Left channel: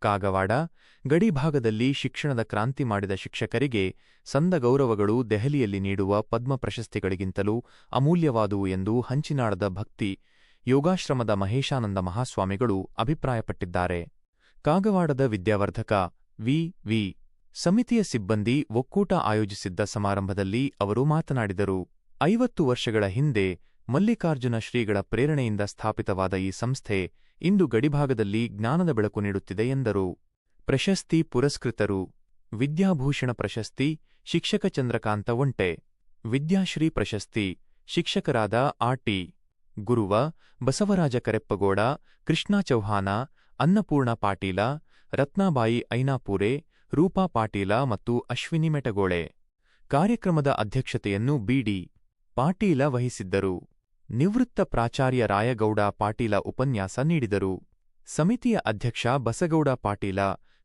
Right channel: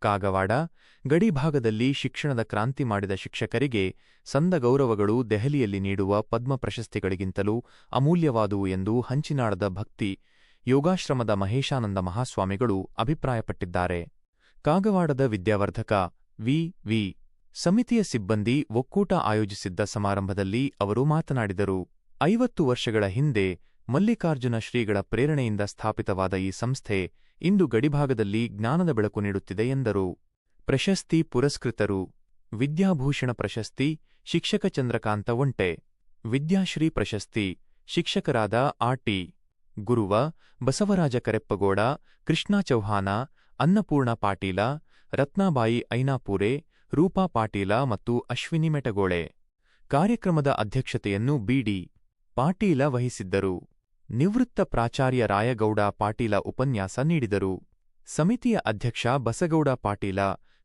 ಕಾಗವಾಡ ಗಡಿಭಾಗದಲ್ಲಿ ಶಿಕ್ಷಣದ ಕ್ರಾಂತಿ ಮಾಡಿದ ಶಿಕ್ಷಕರಿಗೆ ಸಂದ ಗೌರವಗಳು ದೆಹಲಿಯಲ್ಲಿ ನೀಡುವ ಪದ್ಮ ಪ್ರಶಸ್ತಿಗಳಿಗಿಂತಲೂ ಅಮೂಲ್ಯವಾದುವು ಎಂದು ಹಂಚಿನಾಳದ ಭಕ್ತಿ, ಯೋಗಾಶ್ರಮದ ಮಹೇಶಾನಂದ ಮಹಾಸ್ವಾಮಿಗಳು ಅಭಿಪ್ರಾಯಪಟ್ಟಿದ್ದಾರೆ. ಕಾಗವಾಡದ ವಿದ್ಯಾವರ್ಧಕ ವಿ. ವಿ. ಸಮಿತಿಯ ಸಿಬ್ಬಂದಿ ಒಕ್ಕೂಟ ಆಯೋಜಿಸಿದ್ದ ಸಮಾರಂಭದಲ್ಲಿ ಅವರು ಮಾತನಾಡಿದರು. ಐವತ್ತು ವರ್ಷಗಳ ಹಿಂದೆ ಮಲ್ಲಿಕಾರ್ಜುನ ಶ್ರೀಗಳ ಪ್ರೇರಣೆಯಿಂದ ಸ್ಥಾಪಿತವಾದ ಈ ಸಂಸ್ಥೆ ಇಂದು ಗಡಿಭಾಗದಲ್ಲಿ ಜ್ಞಾನದ ಬೆಳಕು ನೀಡುತ್ತಿದೆ ಎಂದರು. ಪ್ರಶಸ್ತಿ ಪುರಸ್ಕೃತರು ವಿದ್ಯಾಭೂಷಣ ಪ್ರಶಸ್ತಿ, ಶಿಕ್ಷಕ ಚಂದ್ರಕಾಂತ ಒಂಟೆ. ವಿದ್ಯಾಶ್ರೀ ಪ್ರಶಸ್ತಿ, ಶಿಕ್ಷಕರಾದ ಆಟಿ ಗುರುವ, ಬಸವರಾಜ ಕರೆಪ್ಪಗೌಡ, ಕೃಷ್ಣ ಚೌಹಾನ ಅನ್ನಪೂರ್ಣ ಪಾಟೀಲ, ರತ್ನಾಬಾಯಿ ಐನಾಪೂರೆ, ರೂಪಾ ಪಾಟೀಲ ಮತ್ತು ಅಶ್ವಿನಿ ಮೆಟಗೋಳೆ. ಕಾರ್ಯಕ್ರಮದ ಅಧ್ಯಕ್ಷತೆಯನ್ನು ಬಿಡಿ ಪಾಟೀಲ ವಹಿಸಿದ್ದರು. ನಿವೃತ್ತ ಪ್ರಾಚಾರ್ಯ ರಾಯಗೌಡ ಪಾಟೀಲ ಉಪನ್ಯಾಸ ನೀಡಿದರು. ಸಮಿತಿಯ ಅಧ್ಯಕ್ಷ ಬಸಗೌಡ ಪಾಟೀಲ,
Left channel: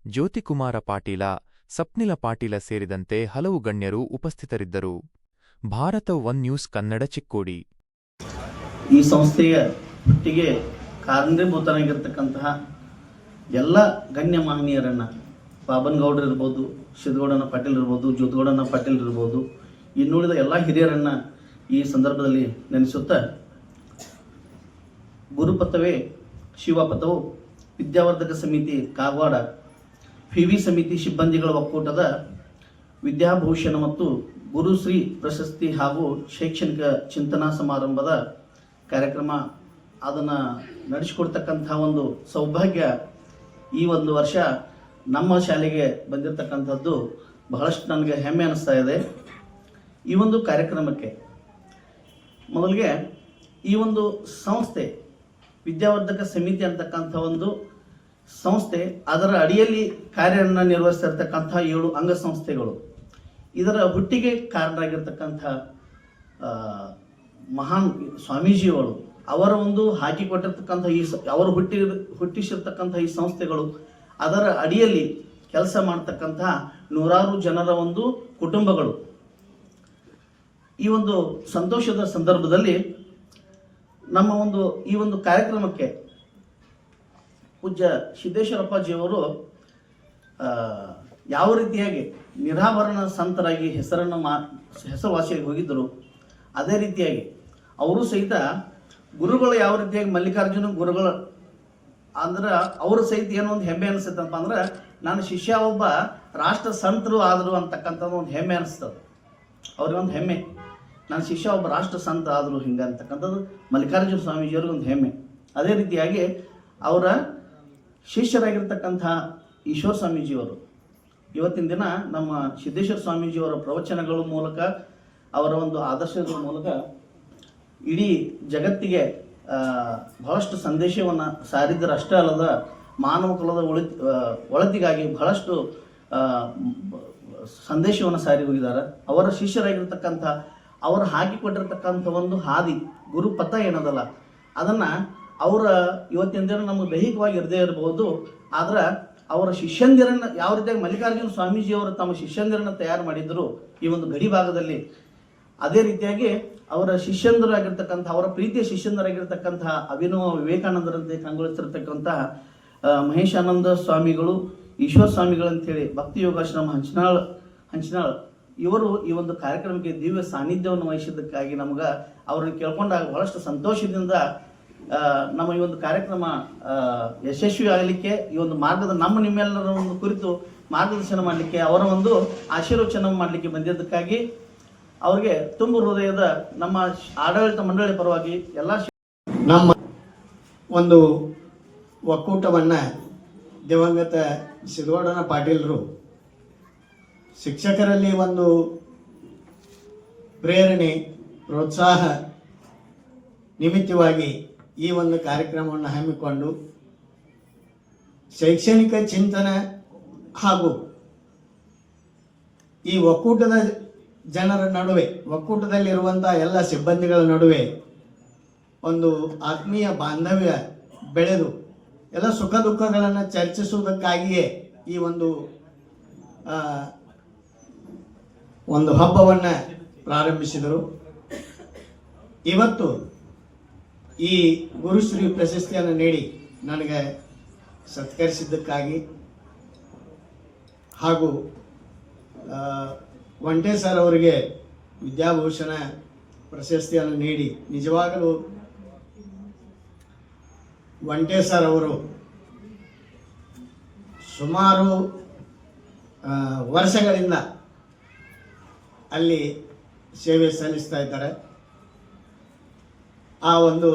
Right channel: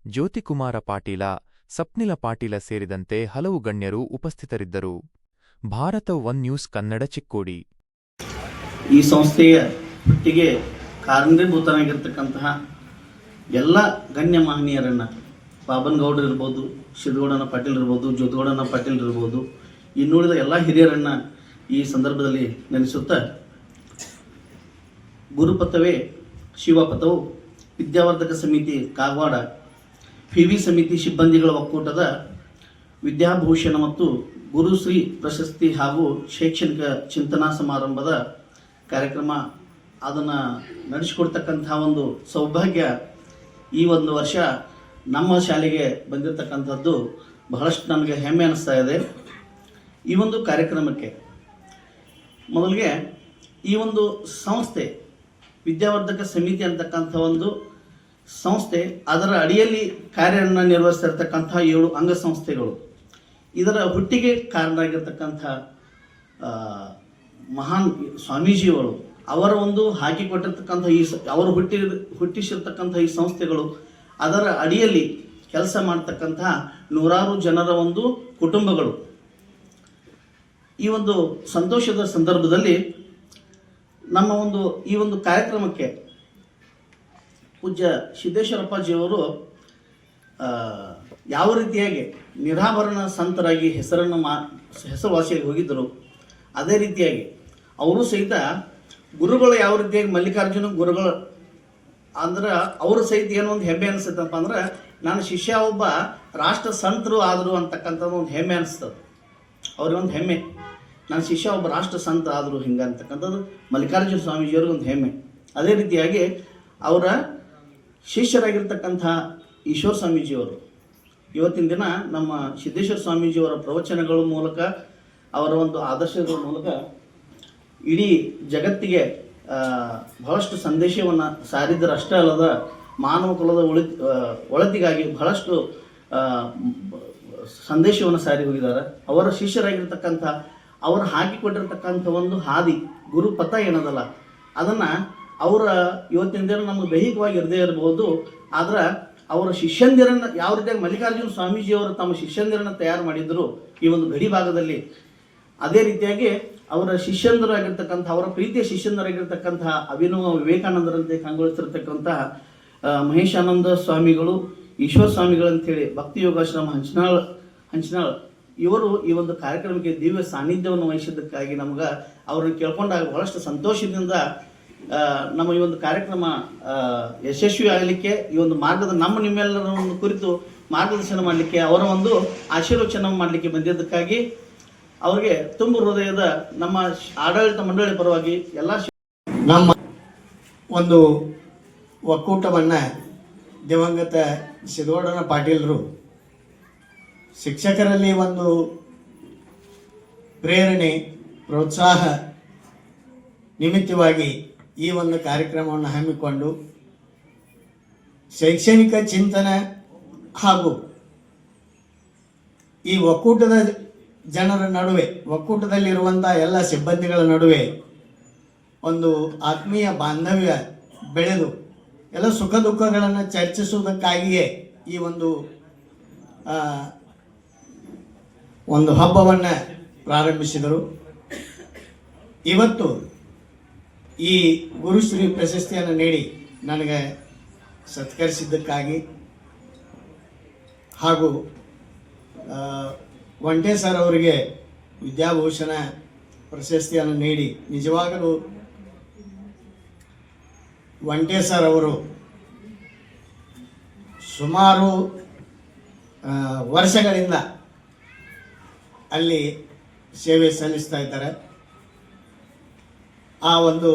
ಜ್ಯೋತಿಕುಮಾರ ಪಾಟೀಲ, ಸಪ್ನಿಲ ಪಾಟೀಲ ಸೇರಿದಂತೆ ಹಲವು ಗಣ್ಯರು ಉಪಸ್ಥಿತರಿದ್ದರು. Bharat one news Kannada Chikkodi. ಈ ಸಂಸ್ಥೆಯ ಹುಟ್ಟಿಗೆ ಕಾರಣೀಭೂತನಾಗಿರ್ತಕ್ಕಂತಹ ಎಲ್ಲ ಗಣ್ಯ ಮಹನೀಯರನ್ನು ಬಾಬನ್ಗೌಡರು ಇರ್ಬೋದು ಸಿದ್ದಗೌಡನ ಪಾಟೀಲ್ ಇರ್ಬೋದು, ಜ್ಯೋತಿಗೌಡನ ಪಾಟೀಲ್ ಇರ್ಬೋದು, ಇನ್ನುಳಿದ ಎಲ್ಲ ಹಿರಿಯರನ್ನು ಈ ಸಂದರ್ಭದಲ್ಲಿ ನೆನೆಸುತ್ತ, ಗುರುಪಥವೇ ಶಿವಪಥವು ವಿದ್ಯಾವರ್ಧಕ ಸಮಿತಿ ಕಾಗವಾಡ ಪಿ ವಿ ಸಮಿತಿ ಸಿಬ್ಬಂದಿಗಳ ಒಕ್ಕೂಟದ ವಿದ್ಯಾಭೂಷಣ ಮತ್ತು ಗುರುಶ್ರೀ ಪ್ರಶಸ್ತಿ ಹಾಗೂ ಶೈಕ್ಷಣಿಕ ಚಿಂತನಾ ಸಮಾರಂಭದ ಕಾರ್ಯಕ್ರಮ ಅದನ್ನು ನಡೆಸಿಕೊಡ್ತಕ್ಕಂಥ ಒಂದು ಸೌಭಾಗ್ಯ ಈ ಒಂದು ವರ್ಷ ನಮ್ಮ ಶಾಲೆಗೆ ಬಂದಿರತಕ್ಕಂಥದ್ದು ಬಹಳಷ್ಟು ನನಗೆ ಹೆಮ್ಮೆ ಅನಿಸ್ತಾ ಇದೆ. ಈ ಒಂದು ಕಾರ್ಯಕ್ರಮಕ್ಕೆ ಮೊದಲಿಗೆ ಈ ಒಂದು ಸಂಸ್ಥೆ, ವಿದ್ಯಾವರ್ಧಕ ಸಮಿತಿ ಅಂತಕ್ಕಂಥ ಒಂದು ಸಂಸ್ಥೆ, ಅದರ ಅಡಿಯಲ್ಲಿ ಕಾರ್ಯವನ್ನು ನಿರ್ವಹಿಸ್ತಿರ್ತಕ್ಕಂಥ ಏಳು ಅಂಗಸಂಸ್ಥೆಗಳು. ಇದರ ಹುಟ್ಟಿಗೆ ಕಾರಣ ಆಗಿರ್ತಕ್ಕಂಥ ಮಹಾನ್ ಸ್ವಾಮೀಜಿಯವರು ಅವರ ಒಂದು ಹಾಕಿಕೊಟ್ಟಿರ್ತಕ್ಕಂಥ ಈ ಅವರು ಹುಟ್ಟಿ, ಹುಟ್ಟಿಸಿರ್ತಕ್ಕಂಥ ಈ ಸಂಸ್ಥೆಗಳು, ಅದರ ಅಡಿಯಲ್ಲಿ ಕೆಲಸ ಮಾಡ್ತಕ್ಕಂಥ ನೂರಾರು ಜನರ ಒಂದು ಕುಟುಂಬಗಳು. ಈ ಒಂದು ಸಂತೋಷದ ಸಂದರ್ಭದಲ್ಲಿ ನಮ್ಮ ಒಂದು ಈ ಒಂದು ಕಾರ್ಯಕ್ರಮಕ್ಕೆ ಪೂಜ್ಯ ಸಿದ್ದೇಶ್ವರಪ್ಪಾಜಿಯವರು ಯಾವ ರೀತಿಯಾಗಿ ನಿರಾಭರಣ ಸಂತರಾಗಿ ಹೆಸರನ್ನು ಮಾ, ಹೆಸರುವಾಸಿಯಾಗಿ ಹೋಗಿದ್ದರು, ಅದೇ ರೀತಿಯಾಗಿ ಅವರು ಸಹಿತ ಗುರುಗಳು ಯಾವ ರೀತಿಯಾಗಿ ಮಲ್ಲಿಕಾರ್ಜುನ ಗುರುಗಳು, ಅಂದ್ರೆ ಅವ್ರ ಸಹಿತ ಏನೋ ಒಂದು ಹೆಮ್ಮೆ ಅನಿಸುತ್ತಪ್ಪ ಅಂದ್ರೆ ನನ್ನ ಶಿಷ್ಯ ಒಬ್ಬ ರಾಷ್ಟ್ರ ಸಂತರು ಆದರು ಅಂತಕ್ಕಂಥದ್ದು ಒಂದು ಹೆಮ್ಮೆ ಅನಿಸ್ತದೆ ಅವ್ರಿಗೊಂದು ಹೆಮ್ಮೆ. ನನ್ನ ಶಿಷ್ಯ ಒಬ್ಬ ರಾಷ್ಟ್ರ ಸಂತ ಆದರು ಹಿಂಗೆ ಅಂತಕ್ಕಂಥದ್ದು ಮಲ್ಲಿಕಾರ್ಜುನ ಸ್ವಾಮೀಜಿಯವ್ರಿಗೆ ಒಂದು ಹೆಮ್ಮೆ. ಅದೇ ರೀತಿಯಾಗಿ ಅವರ ಶಿಷ್ಯರಾಗಿರ್ತಕ್ಕಂಥ ಈಶ್ವರ ಸ್ವಾಮೀಜಿಯವರು, ಇವತ್ತಿನ ದಿನ ನಮ್ಮ ಸಿದ್ದೇಶ್ವರ ಸ್ವಾಮೀಜಿಯವರ ಪ್ರವಚನಗಳ ಮೂಲಕ, ಅವರ ಒಂದು ಆದರ್ಶಗಳ ಮೂಲಕ ಇಡೀ ಜಗತ್ತಿಗೆ ಬಹಳಷ್ಟು ಸಂದೇಶವನ್ನು ಸಾರಿದ್ದರಷ್ಟೇ ಅಲ್ಲದ ಮಾನವ ಕುಲದ ಒಳಿ ಒಳತಿಗಾಗಿ ಬಹಳಷ್ಟು ಸಂದೇಶವನ್ನು ಸಾರಿ ಹೋಗಿದ್ದಾರೆ. ಅವರ ಶಿಷ್ಯರಾಗಿರ್ತಕ್ಕಂಥ ಅವರು ಹಾಕಿಕೊಟ್ಟಿರ್ತಕ್ಕಂಥ ಒಂದು ಹಾದಿ, ಗುರುಪಥ ಏನದಲ್ಲ, ಅದನ್ನು ಅವರ ಇವತ್ತಿನ ದಿನ ದೈಹಿಕವಾಗಿ ಇರದೇ ಇರಬಹುದು ಆದ್ರೆ ಅವರ ಶಿಷ್ಯಂದಿರನ್ನು ಯಾವ ರೀತಿಯಾಗಿ ಮಲ್ಲಿಕಾರ್ಜುನ ಸ್ವಾಮೀಜಿಯವರು ತಮ್ಮ ಶಿಷ್ಯಂದಿರನ್ನು ತಯಾರು ಮಾಡಿದ್ರು ಈ ಒಂದು ಗಡಿ ಭಾಗದಲ್ಲಿ, ಅದೇ ರೀತಿಯಾಗಿ ಅವರ ಶಿಷ್ಯಂದರಾಗಿರ್ತಕ್ಕಂಥ, ಅವರ ಪ್ರೀತಿಯ ಶಿಷ್ಯಂದರಾಗಿರ್ತಕ್ಕಂತಹ ಅಭಿನವ ವಿವೇಕಾನಂದರಂತೆ ಕಂಗೊಳಿಸಿರ್ತಕ್ಕಂತಹ ಮಹೇಶಾನಂದ ಸ್ವಾಮಿಗಳು, ಈಶ್ವರ ಸ್ವಾಮಿಗಳು ಅಂತೇಳಿ ಭಕ್ತಿ ಯೋಗಾಶ್ರಮ ಹಂಚನಾಳ್ ಹಂಚನಾಳ್ ಇವರು ಈ ಒಂದು ಕಾರ್ಯಕ್ರಮಕ್ಕೆ ದಿವ್ಯ ಸಾನ್ನಿಧ್ಯವನ್ನು ವಹಿಸಿದ್ದಕ್ಕಾಗಿ ನಮ್ಗೆ ಅವರನ್ನು ಕೇಳ್ಕೊಂಡಾಗ ಬಹಳಷ್ಟು ಸಂತೋಷದಿಂದ ನಮ್ಮ ಈ ಒಂದು ಕಾರ್ಯಕ್ರಮ ಯಶಸ್ವಿ ಆಗಲಿಕ್ಕೆ ಈ ಒಂದು ಮಾರ್ಗದ ನಮ್ಮ ನಿಮ್ಮೆಲ್ಲರ ಕುರಿತು ಮಾರ್ಗದರ್ಶನ ಮಾಡಲಿಕ್ಕೆ, ಅವರ ಒಂದು ಆಶೀರ್ವಚನ ಮಾಡಲಿಕ್ಕೆ ಬಂದಿದ್ದಕ್ಕಾಗಿ ಅವರಿಗೆ ತುಂಬ ಹೃದಯದ ನಮ್ಮ ಆಡಳಿತ ಮಂಡಳಿ ಪರವಾಗಿ ಎಲ್ಲ ನಮ್ಮ ಒಂದು ಒಕ್ಕೂಟವನ್ನು ದಿವಂಗತ ಸಿದ್ದೋಡನ ಪಾಟೀಲರು ಶಿಕ್ಷಕರಲ್ಲಿ ಒಂದು ಪ್ರೇರಣೆ, ಪ್ರೋತ್ಸಾಹ ನಿಮಿತ್ತವಾಗಿ ಈ ಒಂದು ಕಾರ್ಯಕ್ರಮವನ್ನು ಹಮ್ಮಿಕೊಂಡು ಶೈಕ್ಷಣಿಕ ಚಿಂತನೆ ಹಾಗೂ ಈ ಒಕ್ಕೂಟದ ಜನರ ನಡುವೆ ಒಕ್ಕೂಟದಲ್ಲಿರುವಂಥ ಎಲ್ಲ ಸಿಬ್ಬಂದಿಗಳ ನಡುವೆ ಒಂದು ಆತ್ಮೀಯ ಬಾಂಧವ್ಯ ಬೆಳೆದು, ಎಲ್ಲ ಸುಖ ದುಃಖಗಳನ್ನು ಚರ್ಚಿಸುವುದಕ್ಕಾಗಿಯೇ ಈ ಒಂದು ಒಂದು ಹಬ್ಬವನ್ನು ಪ್ರಾರಂಭಿಸಿದರು. ಇವತ್ತು ಈ ಗುರುಶ್ರೀ ಪ್ರಶಸ್ತಿಯನ್ನು ನೀಡಿ ನನಗೆ ಸತ್ಕರಿಸಿದ್ದಕ್ಕಾಗಿ ಹಾಗೂ ಒಂಟೆ ಸರ್ ಅವರಿಗೆ ವಿದ್ಯಾಭೂಷಣ ಪ್ರಶಸ್ತಿಯನ್ನು ನೀಡಿ ನಿಜವಾಗಲೂ ಒಂಟೆ ಸರ್ ಅವರು ಸುಮಾರು ವರ್ಷಗಳಿಂದ ಅಲ್ಲಿ ಸೇವೆ ಸಲ್ಲಿಸ್ತಾ ಇದ್ದಾರೆ. ಆ ಒಂದು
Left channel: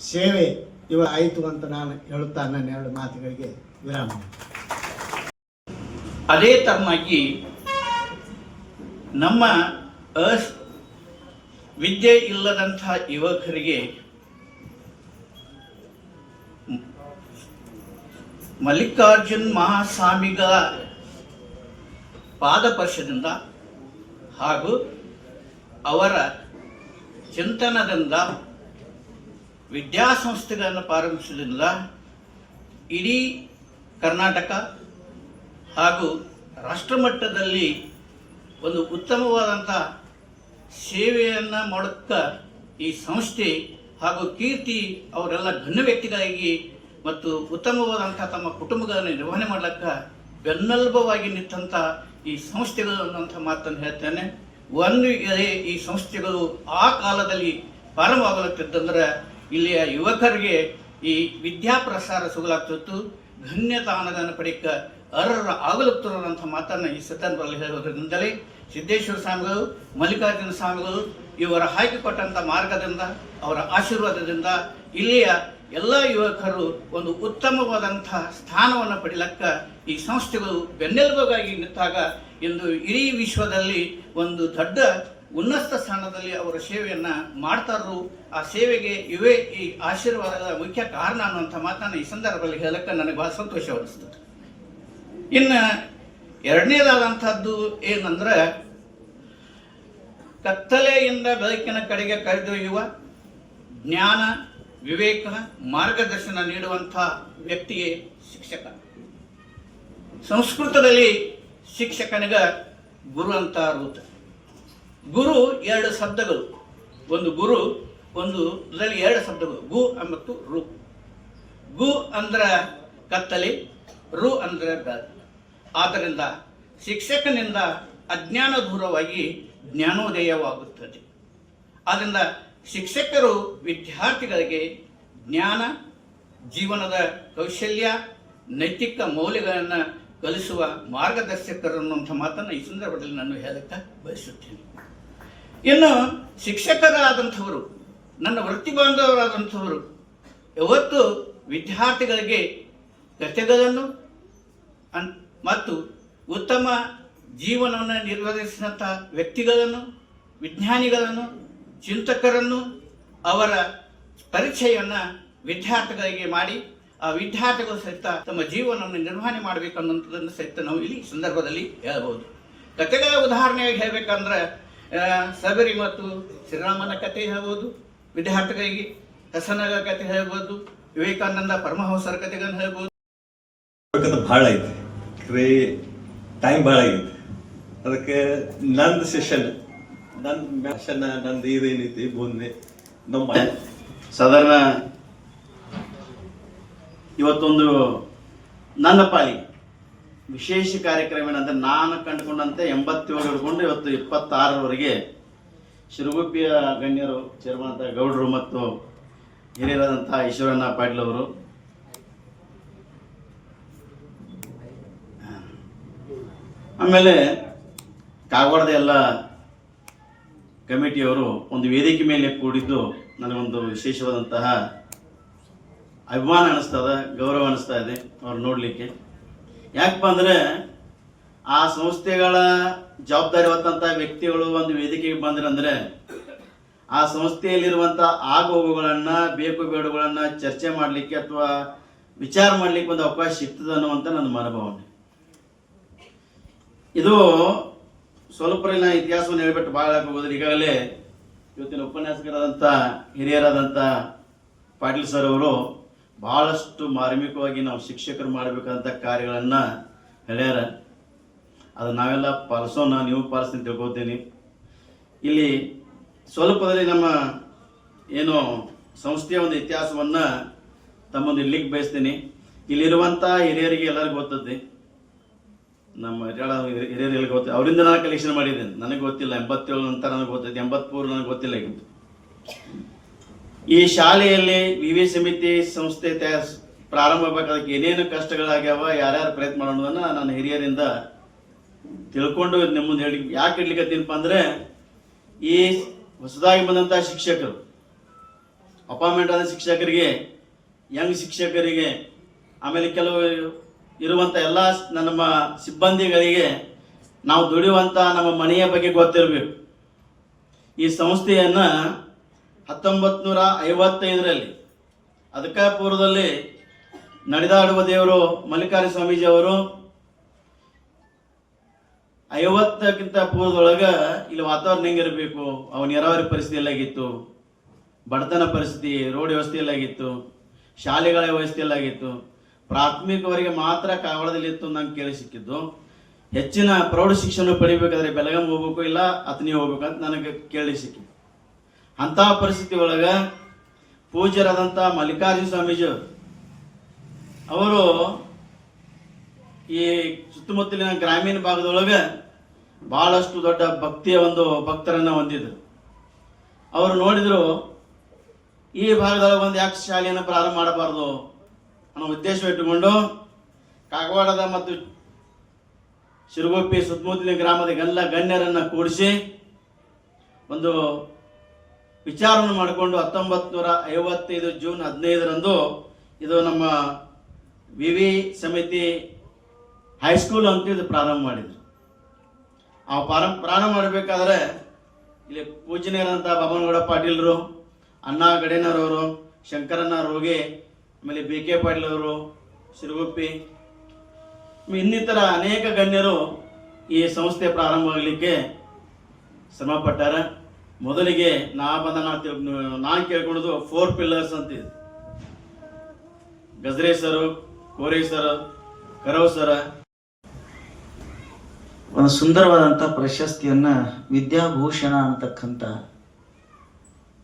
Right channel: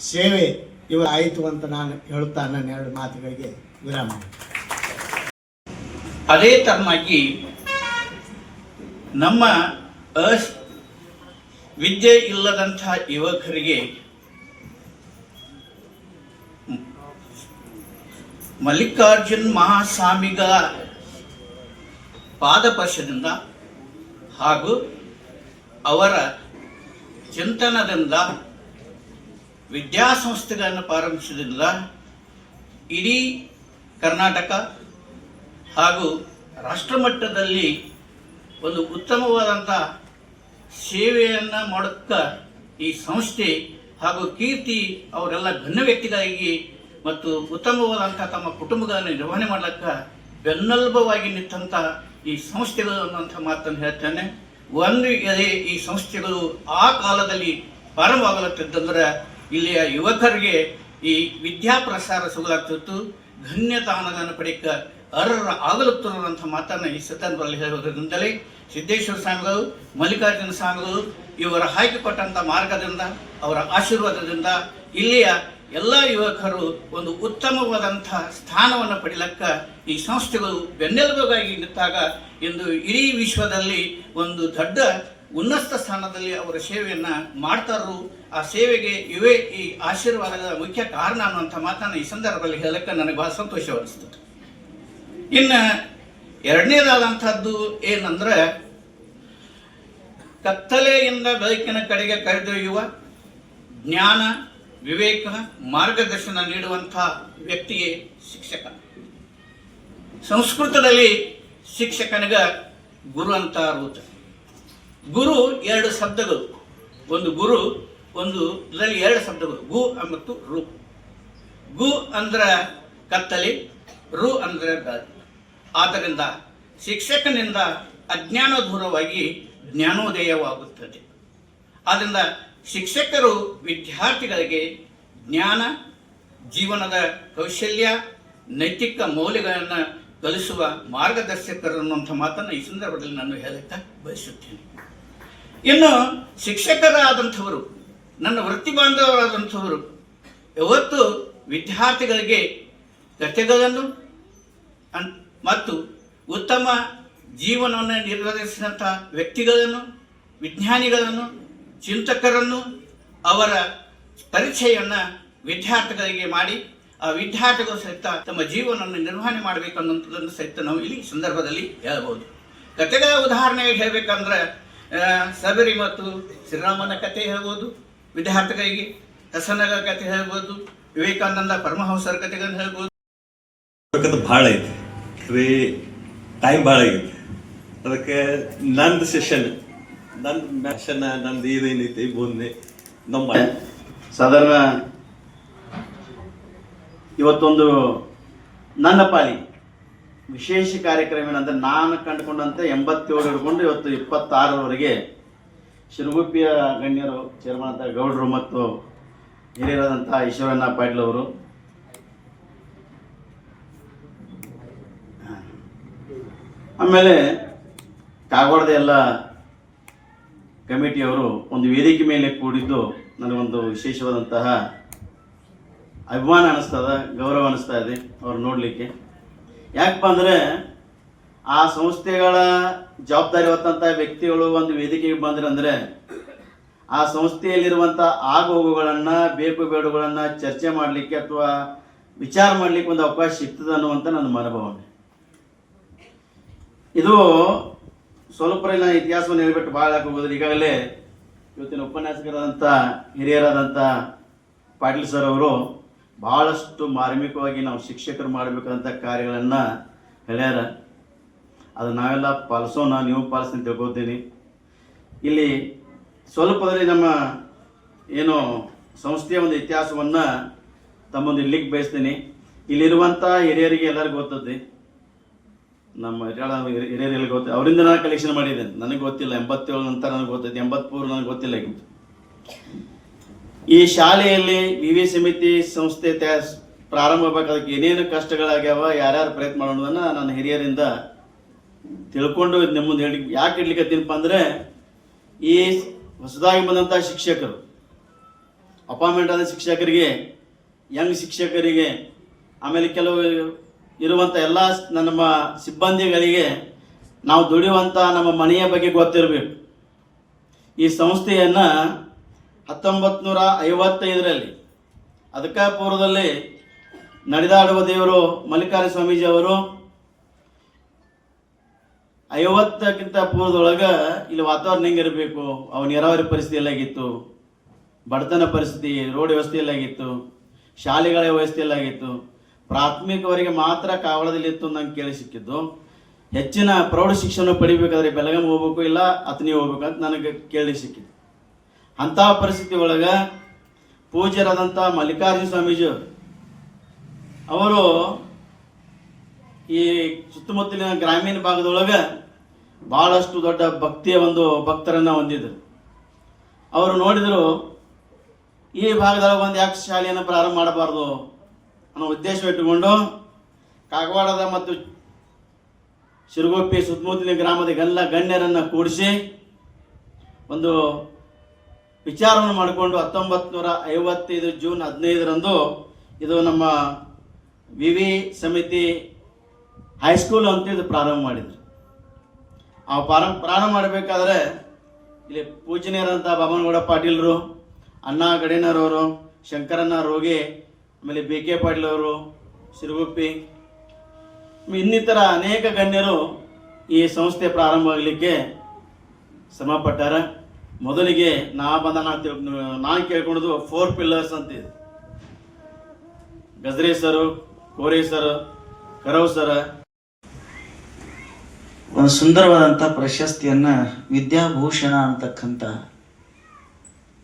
ಸೇವೆ ಇವ ಆಯಿತು ಅಂತ ನಾನು ಹೇಳುತ್ತಾ ನನ್ನ ಎರಡು ಮಾತುಗಳಿಗೆ ವಿರಾಮ. ಅದೇ ತರನಾಗಿ ನಮ್ಮ ಅಸ್ ವಿದ್ಯೆ ಇಲ್ಲದಂತಹ ಯುವಕರಿಗೆ ಮಲ್ಲಿಕಾರ್ಜುನ್ ಮಹಾಸ್ವಾಮಿಗಳ ಪಾದಪರ್ಶದಿಂದ ಹಾಗೂ ಅವರ ಚಿಂತನದಿಂದ, ವಿದ್ಯಾಸಂಸ್ಥೆಗಳನ್ನು ಪ್ರಾರಂಭಿಸಿದ್ರಿಂದ ಇಡೀ ಕರ್ನಾಟಕ ಹಾಗೂ ರಾಷ್ಟ್ರಮಟ್ಟದಲ್ಲಿ ಒಂದು ಉತ್ತಮವಾದಂಥ ಸೇವೆಯನ್ನು ಮಾಡುತ್ತಾ ಈ ಸಂಸ್ಥೆ ಹಾಗೂ ಕೀರ್ತಿ ಅವರೆಲ್ಲ ಘನ ವ್ಯಕ್ತಿಗಾಗಿ ಮತ್ತು ಉತ್ತಮವಾದಂಥ ತಮ್ಮ ಕುಟುಂಬಗಳನ್ನು ನಿರ್ವಹಣೆ ಮಾಡಲಿಕ್ಕೆ ಬೆನ್ನೆಲುಬವಾಗಿ ನಿಂತಂಥ ಈ ಸಂಸ್ಥೆಗಳು ಅನ್ನುವಂಥ ಮಾತನ್ನು ಹೇಳ್ತೇನೆ. ಒಂದು ಈ ಸಂಸ್ಥೆಗಳು ಆ ಕಾಲದಲ್ಲಿ ಪ್ರಾರಂಭವಾಗಲತ್ತಿದ್ದಂದ್ರೆ ಇಲ್ಲಿಯ ಯುವಕರಿಗೆ ಈ ವಿದ್ಯಾಪ್ರಸಾರ ಸುಗಲಾಗ್ತಿತ್ತು. ಧನ್ಯತಾನದನ್ನು ಪಡೆಯಕ್ಕ ಅರ್ಹರ ಆಗಲುತ್ತಿರುವಂಥ ಮಾತನ್ನು ಈ ಸಂದರ್ಭದಲ್ಲಿ ಹೇಳುವುದರಿಂದಲೇ ಸಿದ್ದೇಶ್ವರ ಸ್ವಾಮಿಗಳು, ಮಲ್ಲಿಕಾರ್ಜುನ ಸ್ವಾಮಿಗಳು ಇವರ ಹಾಕಿಕೊಟ್ಟಂಥ ಮಾರ್ಗದಿಂದ, ಅವರ ಆಶೀರ್ವಾದದಿಂದ ಇಲ್ಲಿಯ ಎಲ್ಲ ಯುವಕರು ಒಂದು ಉತ್ತಮವಾದಂಥ ಸ್ಥಾನವನ್ನು ಪಡೆಯಲಕ್ಕ ಈ ಸಂಸ್ಥೆಗಳು ಬೆನ್ನೆಲುಬಾಗಿ ನಿಂತಾಗ ಇಂದು ಇಡೀ ವಿಶ್ವದಲ್ಲಿ ಒಂದು ದೊಡ್ಡ ಉನ್ನತ ಸ್ಥಾನದಲ್ಲಿ ಅವರ ಸೇವೆಯನ್ನು ಮಾಡ್ತಾರು ಆ ಸೇವೆಗೆ ಇವೇ ಈ ಆಶೀರ್ವಾದದ ಮುಖ್ಯ ಕಾರಣ ಅನ್ನುವಂಥ ಮಾತನ್ನು ಈ ಸಂದರ್ಭದಲ್ಲಿ ಹೇಳಕ್ಕೆ ನನಗೆ ಬಹಳ ಸಂತೋಷವನಿಸ್ತದೆ ಇನ್ನು ಎರಡನೇದಾದಂಥದ್ದು ಏನಂದ್ರೆ, ಕತ್ತಲೆಯಿಂದ ಬೆಳಕಿನ ಕಡೆಗೆ ಕರೆದೊಯ್ಯುವ ಜ್ಞಾನ, ವಿವೇಕ, ಮಾರ್ಗದರ್ಶನ ನೀಡುವಂಥ ವ್ಯಕ್ತಿಯೇ ಶಿಕ್ಷಕ. ಸಂಸ್ಕೃತದಲ್ಲಿ ಶಿಕ್ಷಕನಿಗ ಗುರು ಅಂತ ಅರ್ಥ ಗುರು ಎರಡು ಶಬ್ದಗಳು. ಒಂದು ಗುರು, ಒಂದು ಇದರಲ್ಲಿ ಎರಡು ಶಬ್ದಗಳು. ಗು ಮತ್ತು ರು. ಗು ಅಂದ್ರ ಕತ್ತಲಿ, ರು ಅಂದ್ರ ಬೆಳಕು ಆದ್ದರಿಂದ ಶಿಕ್ಷಕನಿಂದ ಅಜ್ಞಾನ ದೂರವಾಗಿ ಜ್ಞಾನೋದಯವಾಗುತ್ತದೆ. ಆದ್ದರಿಂದ ಶಿಕ್ಷಕರು ವಿದ್ಯಾರ್ಥಿಗಳಿಗೆ ಜ್ಞಾನ, ಜೀವನದ ಕೌಶಲ್ಯ, ನೈತಿಕ ಮೌಲ್ಯಗಳನ್ನು ಕಲಿಸುವ ಮಾರ್ಗದರ್ಶಕರು ಅನ್ನುವಂಥ ಮಾತನ್ನು ಈ ಸಂದರ್ಭದಲ್ಲಿ ನಾನು ಹೇಳಕ್ಕೆ ಬಯಸುತ್ತೇನೆ. ಇನ್ನು ಶಿಕ್ಷಕರಾದಂಥವರು, ನನ್ನ ವೃತ್ತಿ ಬಾಂಧವರಾದಂಥವರು, ಯಾವತ್ತು ವಿದ್ಯಾರ್ಥಿಗಳಿಗೆ ಕಥೆಗಳನ್ನು ಮತ್ತು ಉತ್ತಮ ಜೀವನವನ್ನು ನಿರ್ವಹಿಸಿದಂಥ ವ್ಯಕ್ತಿಗಳನ್ನು, ವಿಜ್ಞಾನಿಗಳನ್ನು, ಚಿಂತಕರನ್ನು ಅವರ ಪರಿಚಯವನ್ನು ವಿದ್ಯಾರ್ಥಿಗಳಿಗೆ ಮಾಡಿ ಆ ವಿದ್ಯಾರ್ಥಿಗಳು ಸಹಿತ ತಮ್ಮ ಜೀವನವನ್ನು ನಿರ್ವಹಣೆ ಮಾಡಬೇಕನ್ನುವಂಥದ್ದನ್ನು ಸಹಿತ ನಾವು ಇಲ್ಲಿ ಸಂದರ್ಭದಲ್ಲಿ ಹೇಳಬಹುದು. ಕಥೆಗಳ ಉದಾಹರಣೆಗೆ ಹೇಳಬೇಕಂದ್ರೆ ಸಬರಿ ಮತ್ತು ಶ್ರೀರಾಮನ ಕಥೆ ಹೇಳ್ಬೋದು ವಿದ್ಯಾರ್ಥಿಗಳಿಗೆ ಹಸನಗಳ ಕಥೆ ಹೇಳ್ಬೋದು ವಿವೇಕಾನಂದ ಪರಮಹಂಸರ ಕಥೆಗಳನ್ನು ಹೇಳ್ಬೋದು. ಬಹಳ ಭಾಳ ಐತಿ ಖರೆ ಟೈಮ್ ಭಾಳ ಐತಿ ಅದಕ್ಕೆ ನಂದು ಸೆಷನ್ ನನ್ನ ಮ್ಯಾಕ್ಷನ್ ನಂದು ಇದೇನೈತಿ ಮುಂದೆ ನಮ್ಮ ಸಾಧಾರಣ ಇವತ್ತೊಂದು ನನ್ನ ಪಾಲಿಗೆ ವಿಶೇಷ ಕಾರ್ಯಕ್ರಮ ಏನಂದ್ರೆ ನಾನು ಕಂಡುಕೊಂಡಂತೆ ಎಂಬತ್ತೇಳು ಹಿಡ್ಕೊಂಡು ಇವತ್ತು ಇಪ್ಪತ್ತಾರರವರೆಗೆ ಶಿರಗುಪ್ಪಿಯ ಗಣ್ಯರು ಚೇರ್ಮನ್ ಅಂತ ಗೌಡರು ಮತ್ತು ಹಿರಿಯರಾದಂಥ ಈಶ್ವರಣ್ಣ ಪಾಟೀಲ್ ಅವರು. ಆಮೇಲೆ ಕಾಗವಾಡದ ಎಲ್ಲ ಕಮಿಟಿಯವರು ಒಂದು ವೇದಿಕೆ ಮೇಲೆ ಕೂಡಿದ್ದು ನನಗೊಂದು ವಿಶೇಷವಾದಂತಹ ಅಭಿಮಾನ ಅನಿಸ್ತದ, ಗೌರವ ಅನಿಸ್ತಾ ಇದೆ ಅವ್ರು ನೋಡಲಿಕ್ಕೆ. ಯಾಕಪ್ಪ ಅಂದರೆ ಆ ಸಂಸ್ಥೆಗಳ ಜವಾಬ್ದಾರಿ ಹೊತ್ತಂಥ ವ್ಯಕ್ತಿಗಳು ಒಂದು ವೇದಿಕೆಗೆ ಬಂದ್ರಂದ್ರೆ ಆ ಸಂಸ್ಥೆಯಲ್ಲಿರುವಂಥ ಆಗೋಗುಗಳನ್ನು, ಬೇಕು ಬೇಡುಗಳನ್ನು ಚರ್ಚೆ ಮಾಡಲಿಕ್ಕೆ ಅಥವಾ ವಿಚಾರ ಮಾಡಲಿಕ್ಕೆ ಒಂದು ಅವಕಾಶ ಸಿಗ್ತದೆ ಅನ್ನುವಂಥ ನನ್ನ ಮನೋಭಾವನೆ. ಇದು ಸ್ವಲ್ಪ ನಾನು ಇತಿಹಾಸವನ್ನು ಹೇಳ್ಬಿಟ್ಟು ಭಾಳ ಹೋಗೋದ್ರೆ ಈಗಾಗಲೇ ಇವತ್ತಿನ ಉಪನ್ಯಾಸಕರಾದಂಥ ಹಿರಿಯರಾದಂಥ ಪಾಟೀಲ್ ಸರ್ ಅವರು ಭಾಳಷ್ಟು ಮಾರ್ಮಿಕವಾಗಿ ನಾವು ಶಿಕ್ಷಕರು ಮಾಡಬೇಕಾದಂಥ ಕಾರ್ಯಗಳನ್ನು ಹೇಳ್ಯಾರ. ಅದು ನಾವೆಲ್ಲ ಪಾಲಿಸೋಣ, ನೀವು ಪಾಲಿಸ್ತೀನಿ ತಿಳ್ಕೊತೀನಿ ಇಲ್ಲಿ ಸ್ವಲ್ಪದಲ್ಲಿ ನಮ್ಮ ಏನು ಸಂಸ್ಥೆಯ ಒಂದು ಇತಿಹಾಸವನ್ನು ತಮ್ಮೊಂದು ಇಲ್ಲಿಗೆ ಬಯಸ್ತೀನಿ. ಇಲ್ಲಿರುವಂಥ ಹಿರಿಯರಿಗೆ ಎಲ್ಲರಿಗೂ ಗೊತ್ತದೆ ನಮ್ಮ ಹಿರಿಯರ ಹಿರಿಯರಿಗೆ ಗೊತ್ತು ಅವರಿಂದ ನಾನು ಕಲೆಕ್ಷನ್ ಮಾಡಿದ್ದೇನೆ. ನನಗೆ ಗೊತ್ತಿಲ್ಲ. ಎಂಬತ್ತೇಳು ನಂತರ ನನಗೆ ಗೊತ್ತೈತೆ ಎಂಬತ್ತ್ಮೂರು ನನಗೆ ಗೊತ್ತಿಲ್ಲ ಈಗ ಈ ಶಾಲೆಯಲ್ಲಿ ವಿವಿ ಸಮಿತಿ ಸಂಸ್ಥೆ ಪ್ರಾರಂಭ ಆಗಬೇಕಾದಕ್ಕೆ ಏನೇನು ಕಷ್ಟಗಳಾಗ್ಯಾವ, ಯಾರ್ಯಾರು ಪ್ರಯತ್ನ ಮಾಡೋದನ್ನ ನನ್ನ ಹಿರಿಯರಿಂದ ತಿಳ್ಕೊಂಡು ನಿಮ್ಮ ಮುಂದೆ ಹೇಳಿ, ಯಾಕೆ ಇಡ್ಲಿಕ್ಕತ್ತೀನಪ್ಪ ಅಂದ್ರೆ, ಈ ಹೊಸದಾಗಿ ಬಂದಂಥ ಶಿಕ್ಷಕರು, ಅಪಾಯಿಂಟ್ಮೆಂಟ್ ಆದ ಶಿಕ್ಷಕರಿಗೆ, ಯಂಗ್ ಶಿಕ್ಷಕರಿಗೆ, ಆಮೇಲೆ ಕೆಲವು ಇರುವಂಥ ಎಲ್ಲ ನಮ್ಮ ಸಿಬ್ಬಂದಿಗಳಿಗೆ ನಾವು ದುಡಿಯುವಂಥ ನಮ್ಮ ಮನೆಯ ಬಗ್ಗೆ ಗೊತ್ತಿರಬೇಕು. ಈ ಸಂಸ್ಥೆಯನ್ನು ಹತ್ತೊಂಬತ್ತು ನೂರ ಐವತ್ತೈದರಲ್ಲಿ ಅದಕ್ಕೆ ಪೂರ್ವದಲ್ಲಿ ನಡೆದಾಡುವ ದೇವರು ಮಲ್ಲಿಕಾರ್ಜುನ ಸ್ವಾಮೀಜಿ ಅವರು ಐವತ್ತಕ್ಕಿಂತ ಪೂರ್ವದೊಳಗೆ ಇಲ್ಲಿ ವಾತಾವರಣ ಹೆಂಗಿರಬೇಕು? ಅವ ನೀರಾವರಿ ಪರಿಸ್ಥಿತಿ ಎಲ್ಲಾಗಿತ್ತು. ಬಡತನ ಪರಿಸ್ಥಿತಿ, ರೋಡ್ ವ್ಯವಸ್ಥೆ ಎಲ್ಲಾಗಿತ್ತು. ಶಾಲೆಗಳ ವ್ಯವಸ್ಥೆ ಎಲ್ಲಾಗಿತ್ತು. ಪ್ರಾಥಮಿಕವರೆಗೆ ಮಾತ್ರ ಕಾವಳದಲ್ಲಿ ಇತ್ತು ನಂಗೆ ಕೇಳಿ ಸಿಕ್ಕಿದ್ದು. ಹೆಚ್ಚಿನ ಪ್ರೌಢ ಶಿಕ್ಷಣ ಪಡಿಬೇಕಾದ್ರೆ ಬೆಳಗಾಂ ಹೋಗ್ಬೇಕು ಇಲ್ಲ ಅತನಿ ಹೋಗ್ಬೇಕು ಅಂತ ನನಗೆ ಕೇಳಿ ಸಿಕ್ಕಿತ್ತು. ಅಂತಹ ಪರಿಸ್ಥಿತಿ ಒಳಗೆ ಪೂಜ್ಯರಾದಂಥ ಮಲ್ಲಿಕಾರ್ಜುನ ಸ್ವಾಮೀಜಿ ಅವರು ಈ ಸುತ್ತಮುತ್ತಲಿನ ಗ್ರಾಮೀಣ ಭಾಗದೊಳಗೆ ಬಹಳಷ್ಟು ದೊಡ್ಡ ಭಕ್ತಿಯ ಒಂದು ಭಕ್ತರನ್ನ ಹೊಂದಿದ್ರು. ಅವರು ನೋಡಿದ್ರು, ಈ ಭಾಗದೊಳಗೆ ಒಂದು ಯಾಕೆ ಶಾಲೆಯನ್ನು ಪ್ರಾರಂಭ ಮಾಡಬಾರ್ದು ಅನ್ನೋ ಉದ್ದೇಶ ಇಟ್ಟುಕೊಂಡು ಕಾಗವಾಡದ ಮತ್ತು ಶಿರಗೊಪ್ಪಿ ಸುತ್ತಮುತ್ತಲಿನ ಗ್ರಾಮದ ಗಲ್ಲ ಗಣ್ಯರನ್ನು ಕೂಡಿಸಿ ಒಂದು ವಿಚಾರವನ್ನು ಮಾಡಿಕೊಂಡು ಹತ್ತೊಂಬತ್ತು ನೂರ ಐವತ್ತೈದು ಜೂನ್ ಹದಿನೈದರಂದು ಇದು ನಮ್ಮ ವಿ ವಿ ಸಮಿತಿ ಹೈಸ್ಕೂಲ್ ಅಂತ ಇದು ಪ್ರಾರಂಭ ಮಾಡಿದ್ರು. ಆ ಪ್ರಾರಂಭ ಪ್ರಾರಂಭ ಮಾಡಬೇಕಾದ್ರೆ ಇಲ್ಲಿ ಪೂಜನೀಯರಂತ ಬಮ್ಮನಗೌಡ ಪಾಟೀಲರು, ಅಣ್ಣಾ ಗಡೇನರವರು ಶಂಕರಣ್ಣ ರೋಗಿ, ಆಮೇಲೆ ಬಿ ಕೆ ಪಾಟೀಲ್ ಅವರು ಸಿರುಗುಪ್ಪಿ, ಇನ್ನಿತರ ಅನೇಕ ಗಣ್ಯರು ಈ ಸಂಸ್ಥೆ ಪ್ರಾರಂಭ ಆಗಲಿಕ್ಕೆ ಶ್ರಮ ಪಟ್ಟಾರ ಮೊದಲಿಗೆ ನಾ ಬಂದ ನಾನು ಕೇಳ್ಕೊಳ್ಳೋದು ಫೋರ್ ಪಿಲ್ಲರ್ಸ್ ಅಂತ ಇದೆ. ಸರು ಕೋರಿ ಸರ್ ಕರವ್ ಸರ ಒಂದು ಸುಂದರವಾದಂಥ ಪ್ರಶಸ್ತಿಯನ್ನ ವಿದ್ಯಾಭೂಷಣ ಅಂತಕ್ಕಂಥ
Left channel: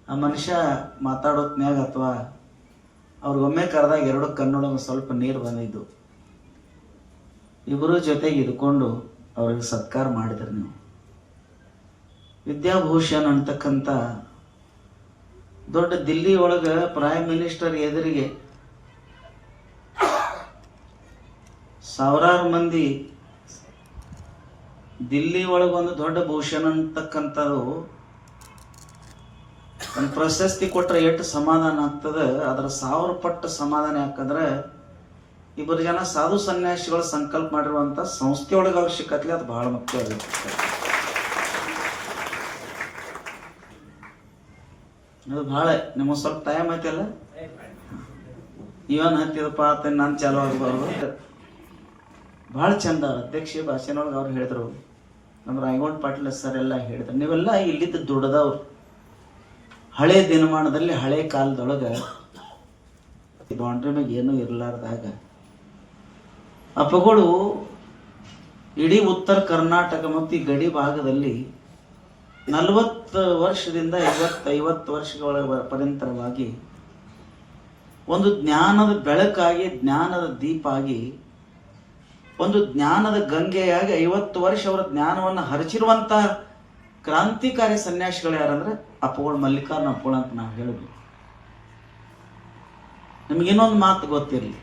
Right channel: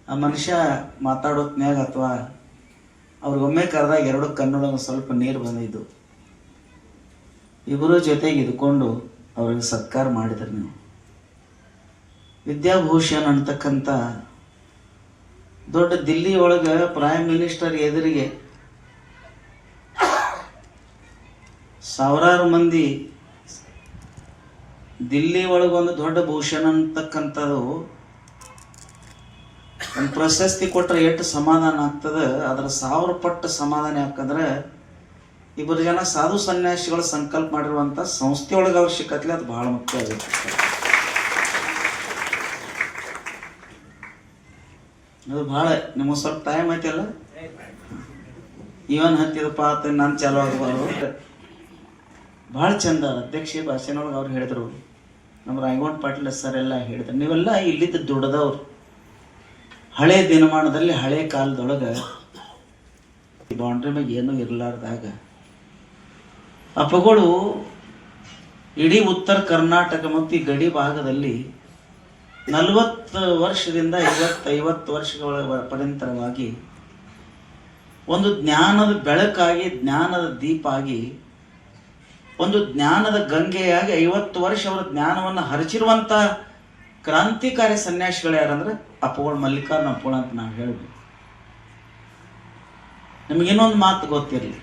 ಆ ಮನುಷ್ಯ ಮಾತಾಡೋತ್ನಾಗ ಅಥವಾ ಅವ್ರಿಗೊಮ್ಮೆ ಕರೆದಾಗ ಎರಡು ಕಣ್ಣೊಳಗೆ ಸ್ವಲ್ಪ ನೀರು ಬಂದಿದ್ದು. ಇಬ್ಬರು ಜೊತೆಗೆ ಇದ್ಕೊಂಡು ಅವ್ರಿಗೆ ಸತ್ಕಾರ ಮಾಡಿದ್ರು ನೀವು. ವಿದ್ಯಾಭೂಷಣ್ ಅಂತಕ್ಕಂಥ ದೊಡ್ಡ ದಿಲ್ಲಿ ಒಳಗೆ ಪ್ರೈಮ್ ಮಿನಿಸ್ಟರ್ ಎದುರಿಗೆ ಸಾವಿರಾರು ಮಂದಿ ದಿಲ್ಲಿ ಒಳಗೊಂದು ದೊಡ್ಡ ಭೂಷಣ ಅಂತಕ್ಕಂಥದ್ದು ಒಂದು ಪ್ರಶಸ್ತಿ ಕೊಟ್ಟರೆ ಎಷ್ಟು ಸಮಾಧಾನ ಆಗ್ತದೆ? ಅದರ ಸಾವಿರ ಪಟ್ಟು ಸಮಾಧಾನ ಯಾಕಂದ್ರೆ ಇಬ್ಬರು ಜನ ಸಾಧು ಸನ್ಯಾಸಿಗಳು ಸಂಕಲ್ಪ ಮಾಡಿರುವಂತ ಸಂಸ್ಥೆಯೊಳಗೆ ಅವಶ್ಯಕತೆ, ಅದು ಬಹಳ ಮುಖ್ಯವಾಗಿರ್ತದೆ ಅದು ಬಹಳ ನಿಮಗೆ ಸ್ವಲ್ಪ ಟೈಮ್ ಐತಿಲ್ಲ? ಇವನ್ ಹತ್ತಿದಪ್ಪ ಅಂತ ನಾನು ಚಾಲು ಆಗ್ಬಾರ್ದು. ಭಾಳ ಚಂದ ಅಧ್ಯಕ್ಷ ಭಾಷೆನೊಳಗೆ ಅವ್ರು ಹೇಳಿದ್ರು. ನಮ್ಮ ರಾಯಗೌಡ ಪಾಟೀಲ್ ಸರ್ ಎಲ್ಲ ಹೇಳಿದ್ರು. ನೀವೆಲ್ಲ ಇಲ್ಲಿದ್ದ ದುಡ್ದವ್ರು. ಹಳೆ ದಿನಮಾನದಲ್ಲಿ ಹಳೆ ಕಾಲದೊಳಗೆ ಬೌಂಡ್ರಿ ಮ್ಯಾಗ ಏನೂ ಇರಲಾರ್ದಾಗ ಅಪ್ಪಗಳು ಇಡೀ ಉತ್ತರ ಕರ್ನಾಟಕ ಮತ್ತು ಗಡಿ ಭಾಗದಲ್ಲಿ ನಲವತ್ತು ವರ್ಷದಿಂದ ಐವತ್ತೈವತ್ತು ಐವತ್ತು ವರ್ಷಗಳ ಪರ್ಯಂತರವಾಗಿ ಒಂದು ಜ್ಞಾನದ ಬೆಳಕಾಗಿ, ಜ್ಞಾನದ ದೀಪ ಆಗಿ ಒಂದು ಜ್ಞಾನದ ಗಂಗೆಯಾಗಿ ಐವತ್ತು ವರ್ಷ ಅವರ ಜ್ಞಾನವನ್ನು ಹರಿಚಿರುವಂತ ಕ್ರಾಂತಿಕಾರಿ ಸನ್ಯಾಸಿಗಳು ಯಾರಂದ್ರೆ ಅಪ್ಪಗಳು ಮಲ್ಲಿಕಾರ್ಜುನ ಅಪ್ಪಗಳು ಅಂತ ನಾವು ನಿಮ್ಗೆ ಇನ್ನೊಂದು ಮಾತು ಗೊತ್ತಿರಲಿ.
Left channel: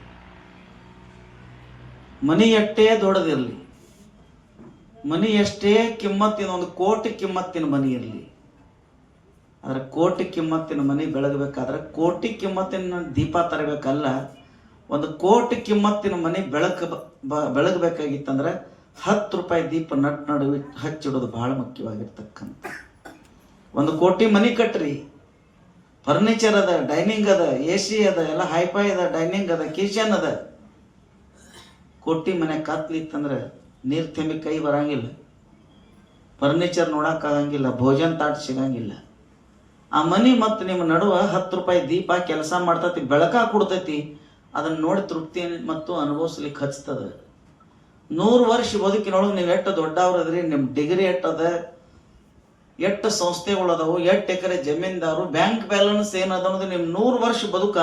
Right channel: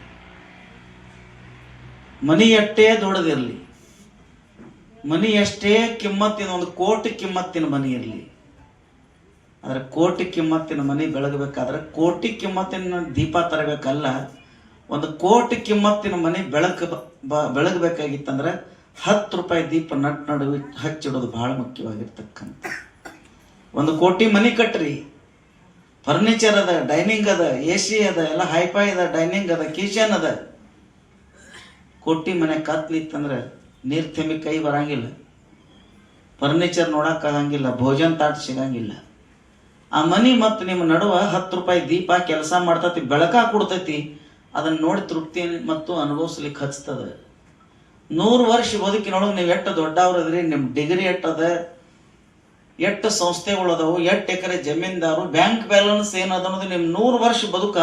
ಮನಿ ದೊಡ್ಡದಿರಲಿ. ಮನಿ ಎಷ್ಟೇ ಕಿಮ್ಮತ್ತಿನ ಒಂದು ಕೋಟಿ ಕಿಮ್ಮತ್ತಿನ ಮನಿ ಇರಲಿ. ಆದರೆ ಕೋಟಿ ಕಿಮ್ಮತ್ತಿನ ಮನಿ ಬೆಳಗಬೇಕಾದ್ರೆ ಕೋಟಿ ಕಿಮ್ಮತ್ತಿನ ದೀಪ ತರಬೇಕಲ್ಲ. ಒಂದು ಕೋಟಿ ಕಿಮ್ಮತ್ತಿನ ಮನೆ ಬೆಳಕ ಬೆಳಗಬೇಕಾಗಿತ್ತಂದ್ರೆ ಹತ್ತು ರೂಪಾಯಿ ದೀಪ ನಟ್ ನಡುವೆ ಹಚ್ಚಿಡೋದು ಬಹಳ ಮುಖ್ಯವಾಗಿರ್ತಕ್ಕಂಥ. ಒಂದು ಕೋಟಿ ಮನಿ ಕಟ್ಟ್ರಿ ಫರ್ನಿಚರ್ ಅದ, ಡೈನಿಂಗ್ ಅದ, ಎ ಸಿ ಅದ, ಎಲ್ಲ ಹೈಫೈ ಅದ, ಡೈನಿಂಗ್ ಅದ, ಕಿಚನ್ ಅದ. ಕೋಟಿ ಮನೆ ಕತ್ಲಿತ್ತಂದ್ರೆ ನೀರ್ ತಿಂಬಿ ಕೈ ಬರಂಗಿಲ್ಲ. ಫರ್ನಿಚರ್ ನೋಡೋಕ್ಕಾಗಂಗಿಲ್ಲ ಭೋಜನ ತಾಟ್ ಸಿಗಂಗಿಲ್ಲ. ಆ ಮನೆ ಮತ್ತು ನಿಮ್ಮ ನಡುವ ಹತ್ತು ರೂಪಾಯಿ ದೀಪ ಕೆಲಸ ಮಾಡ್ತತಿ, ಬೆಳಕ ಕೊಡ್ತೈತಿ ಅದನ್ನು ನೋಡಿ ತೃಪ್ತಿ ಮತ್ತು ಅನುಭವಿಸ್ಲಿಕ್ಕೆ ಹಚ್ತದ. ನೂರು ವರ್ಷ ಬದುಕಿನೊಳಗೆ ನೀವು ಎಷ್ಟು ದೊಡ್ಡವ್ರದ್ರಿ ನಿಮ್ಮ ಡಿಗ್ರಿ ಎಟ್ಟದ ಎಷ್ಟು ಸಂಸ್ಥೆಗಳದಾವು, ಎಷ್ಟು ಎಕರೆ ಜಮೀನ್ದಾರು, ಬ್ಯಾಂಕ್ ಬ್ಯಾಲೆನ್ಸ್ ಏನದ ಅನ್ನೋದು ನಿಮ್ಮ ನೂರು ವರ್ಷ ಬದುಕ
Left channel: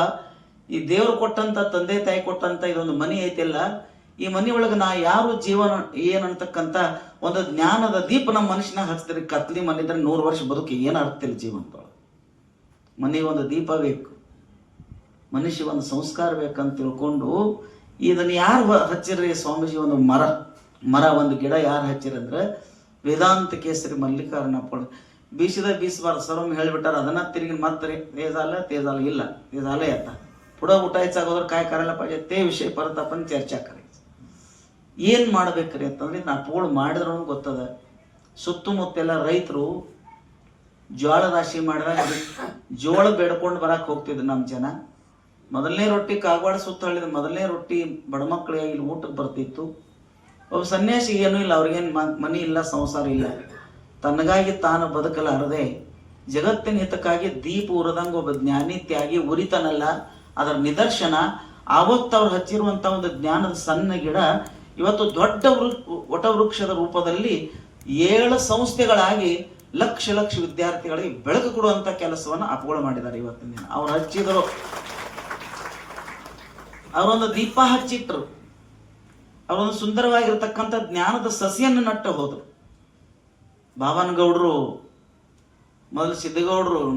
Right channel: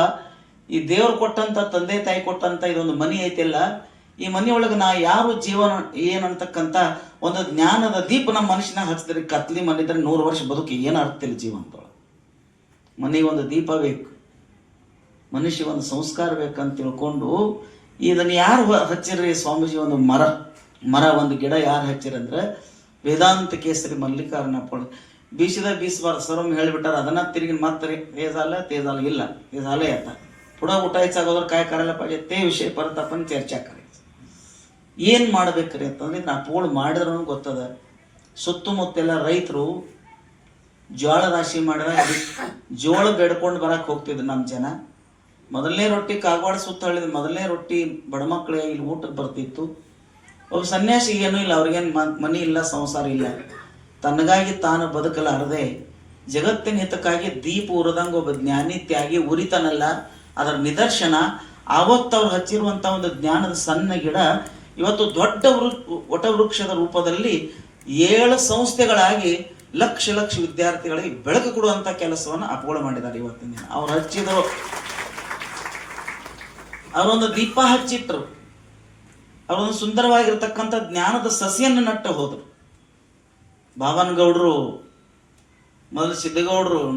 ಈ ದೇವ್ರು ಕೊಟ್ಟಂತ, ತಂದೆ ತಾಯಿ ಕೊಟ್ಟಂತ ಇದೊಂದು ಮನಿ ಐತಿಲ್ಲ. ಈ ಮನೆಯೊಳಗೆ ನಾ ಯಾರು ಜೀವನ ಏನಂತಕ್ಕಂಥ ಒಂದು ಜ್ಞಾನದ ದೀಪ ನಮ್ಮ ಮನುಷ್ಯನ ಹಚ್ಚಿದ್ರೆ ಕತ್ಲಿ ಮನಿದ್ರೆ ನೂರು ವರ್ಷ ಬದುಕಿ ಏನು ಅರ್ಥಿಲ್ಲ ಜೀವನದೊಳಗೆ ಮನೆಗೆ ಒಂದು ದೀಪ ಬೇಕು. ಮನುಷ್ಯ ಒಂದು ಸಂಸ್ಕಾರ ಬೇಕಂತ ತಿಳ್ಕೊಂಡು ಇದನ್ನು ಯಾರು ಹಚ್ಚಿರ್ರಿ ಸ್ವಾಮೀಜಿ ಒಂದು ಮರ. ಮರ ಒಂದು ಗಿಡ ಯಾರು ಹಚ್ಚಿರಂದ್ರೆ ವೇದಾಂತ ಕೇಸರಿ ಮಲ್ಲಿಕಾರ್ಣಪ್ಪ ಬೀಸಿದ ಬೀಸಬಾರ್ದು. ಸರ್ವಮ್ ಹೇಳಿಬಿಟ್ಟಾರ, ಅದನ್ನ ತಿರುಗಿ ಮತ್ತೆ ತೇಜಾಲ ತೇಜಾಲ ಇಲ್ಲ. ತೇಜಾಲೇ ಅಂತ ಪುಡ ಊಟ ಹೆಚ್ಚಾಗೋದ್ರೆ ಕಾಯಿ ಕಾರಲ್ಲ ಪಾಜೆ ತೇ ವಿಷಯ ಪರತಪ್ಪನ ಚರ್ಚಾ ಏನು ಮಾಡ್ಬೇಕ್ರಿ ಅಂತಂದ್ರೆ ನಾ ಪೋಳ್ ಮಾಡಿದ್ರು ಗೊತ್ತದ. ಸುತ್ತಮುತ್ತೆಲ್ಲ ರೈತರು ಜೋಳ ರಾಶಿ ಮಾಡಿದಾಗ ಜೋಳ ಬೇಡ್ಕೊಂಡು ಬರಕ್ಕೆ ಹೋಗ್ತಿದ್ರು ನಮ್ಮ ಜನ. ಮೊದಲನೇ ರೊಟ್ಟಿ ಕಾಗವಾಡ ಸುತ್ತ ಹಳ್ಳಿದ ಮೊದಲನೇ ರೊಟ್ಟಿ ಬಡ ಮಕ್ಕಳಿಗೆ ಇಲ್ಲಿ ಊಟಕ್ಕೆ ಬರ್ತಿತ್ತು. ಒಬ್ಬ ಸನ್ಯಾಸಿಗೇನು ಇಲ್ಲ, ಅವ್ರಿಗೇನು ಮನಿ ಇಲ್ಲ, ಸಂಸಾರ ಇಲ್ಲ. ತನಗಾಗಿ ತಾನು ಬದುಕಲಾರದೆ ಜಗತ್ತಿನ ಹಿತಕ್ಕಾಗಿ ದೀಪ ಉರದಂಗ ಒಬ್ಬ ಜ್ಞಾನಿ ತ್ಯಾಗಿ ಉರಿತನಲ್ಲ, ಅದರ ನಿದರ್ಶನ ಆವತ್ತವ್ರು ಹಚ್ಚಿರುವಂತ ಒಂದು ಜ್ಞಾನದ ಸಣ್ಣ ಗಿಡ ಇವತ್ತು ದೊಡ್ಡ ವಟವೃಕ್ಷದ ರೂಪದಲ್ಲಿ ಏಳು ಸಂಸ್ಥೆಗಳಾಗಿ ಲಕ್ಷ ಲಕ್ಷ ವಿದ್ಯಾರ್ಥಿಗಳಿಗೆ ಬೆಳಕು ಕೊಡುವಂತ ಕೆಲಸವನ್ನು ಅಪಗೋಳ ಮಾಡಿದ್ದಾರೆ ಇವತ್ತಿನ ದಿನ. ಅವ್ರು ಹಚ್ಚಿದ್ರು. ಅವರೊಂದು ದೀಪ ಹಚ್ಚಿಟ್ರು. ಅವರೊಂದು ಸುಂದರವಾಗಿರ್ತಕ್ಕಂಥ ಜ್ಞಾನದ ಸಸಿಯನ್ನು ನಟ್ಟ ಹೋದ್ರು. ಬಾಬನಗೌಡರು ಮೊದಲು ಸಿದ್ದಗೌಡರು